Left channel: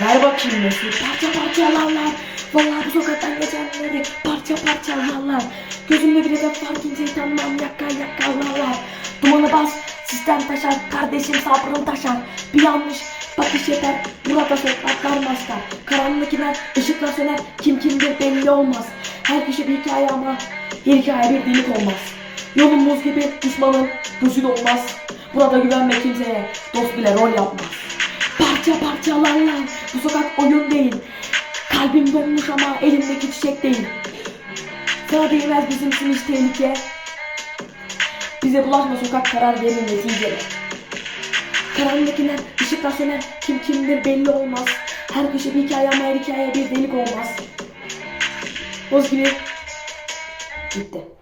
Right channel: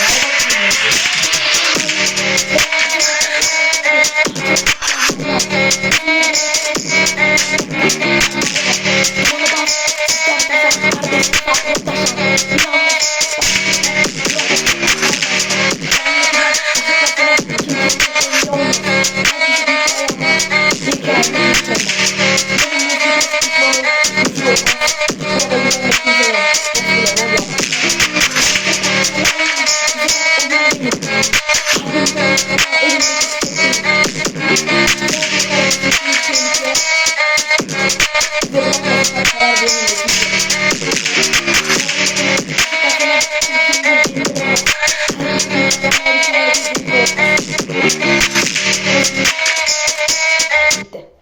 Ver bakayım nasıl? Parça parçalarlar. Ben yapacak otanları. Parça parçalarlar. Gözümü bile beklersin. Dumanı bas. Sistem taşar. Kardeşim sabrın taşar. Bir yanlış. Bakış yeter. Buna basar. Atlanmazlar. Karanlık ile ışıklasana. Kim kimdir belli olmaz. Herkese bir hikaye ama bir hikaye bir ümit olmaz. Yolun mutluluğu düşmanın huzur olmaz. Burada güvenmek kimseye. Dostuyla rol yap. Parça parçalarla. Bu sefer oyun değil. Kalbim dönmüş ama elimdeki çiçek değil. Gördüğünler bizim için tehlike. Bize bulanmasın kaç karar verin ve bizce. Karanlıkına, ışık atına, kim kimdir belli olmaz. Herkese bir hikaye ama her hikaye bir delik olmaz. Özgür. Bitti.